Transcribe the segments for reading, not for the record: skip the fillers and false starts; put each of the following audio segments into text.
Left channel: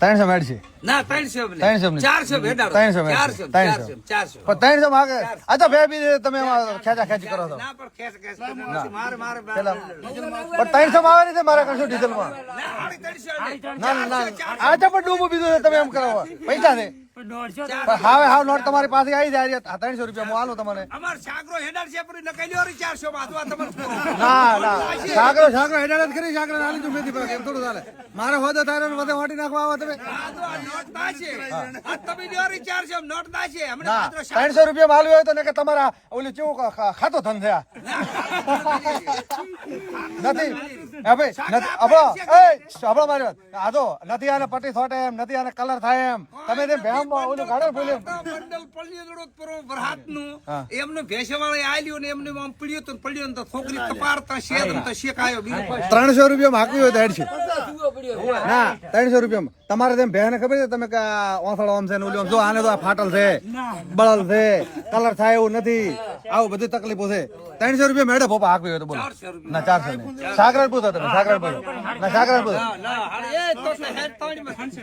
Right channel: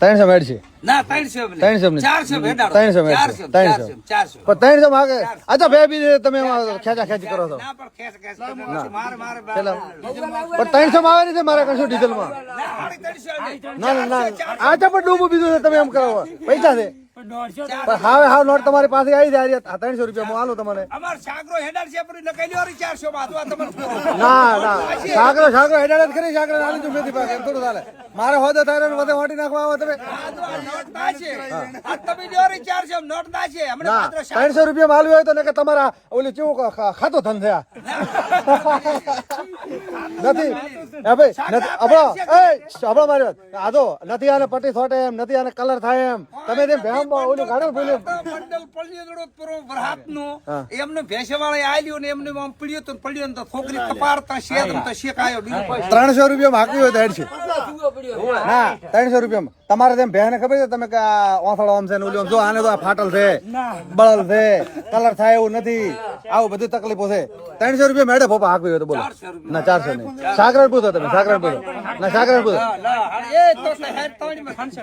380 ના 300 400 ભેડાડો 400 અચ્છા બે બી તમે ખેંચા ખેંચ કરો છો ના પણ ખેસ નથી મારે 300 માં આવે છે મારા કશું ડીઝલ માં ના 300 આ તો પણ ડૂબું બીજું તમે એમ કરો પૈસા છે હા નોટ તમારી પાસે આવી જાય 300 રૂપિયા માં આલો તમારે અમાર સાગરો હેડાડ છે પણ નકલી ઓરી 400 માં આ તમારે સાગરો હેડાડ કરી સાગરો આલી તો મેથી પાકે એમ થોડું ચાલે મારે હોદો થાય વધે વાટી નાખવા આવો તમે નોટ ના છે આ તમે દોરી 400 નોટ ના છે હમણે માત્ર 300 રૂપિયા માં આલ્યું હોય તો નકે તમારા ઓલે કેવું ખાતો ધન થયા નથી એ ભાઈ આપણો માર્યો આજો નથી આને પટ્ટી થોટે એમ નથી આને કલર થાય એમ તમે જેમ ભેણમાં ઓલી ગાડી બોલ્યો મંડલ પલ્લીડો પર વરહાતનું એમને ભેસેવાળે આલ્યું ને એમને આમ પડ્યું તો પડ્યું તો છોકરી કપાડતા શેક તો શેકાયો બીજું કોઈ 300 રૂપિયા માં હાક્યું હોય તો હેડ છે ના 300 રૂપિયામાં તમારે તેમ ભેને ખબર છે તમે કે ઓફળ આમ છે ને ઓલી આમ જો આને તો આ ફાટલ છે બળલ છે કલર થાય એવું નથી આવું બધી તકલીફો છે 300 રૂપિયા મેડે પોપા હાકવી હોય તો બોલો ના 400 નહીં સાગર પૂછો તમે સાગર પૂછો ના સાગર પૂછો ના એ તો હેડ તોડી માં 400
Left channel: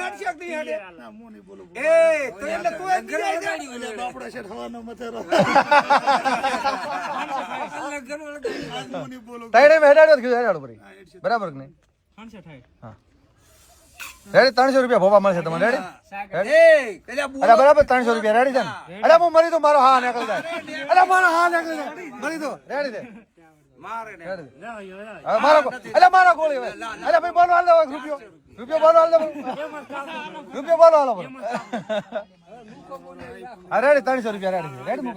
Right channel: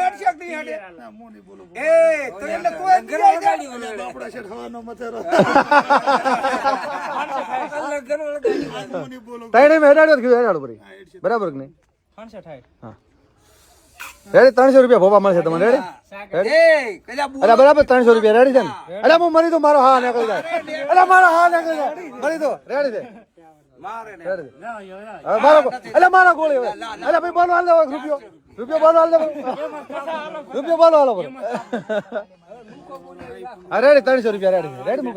હેડ છે કે હેડ ના મો નહીં બોલો એ તો એટલે તું એક ગઈ ગાડી આપડા છે થવાનો મથેરો અલગ ગનો ગાડી મો નહીં બોલો તેડી મેડાડો કીધું હેડાડો બરાબર કે નહીં 300 થાય અરે 300 રૂપિયા ભોપા મળશે તમને એ કલ્યા બોલો બરાબર 300 રૂપિયા રેડી છે અરે હું મને તો મારો હા ના કરી અરે મારો હા ના કરી મળી તો રેડી છે મારે ને અરે મારા ગોળે અરે ભાઈ બોલો હાલ રૂપિયો બોલો હાલ રૂપિયો બોલો હાલ અરે 300 રૂપિયા રેડી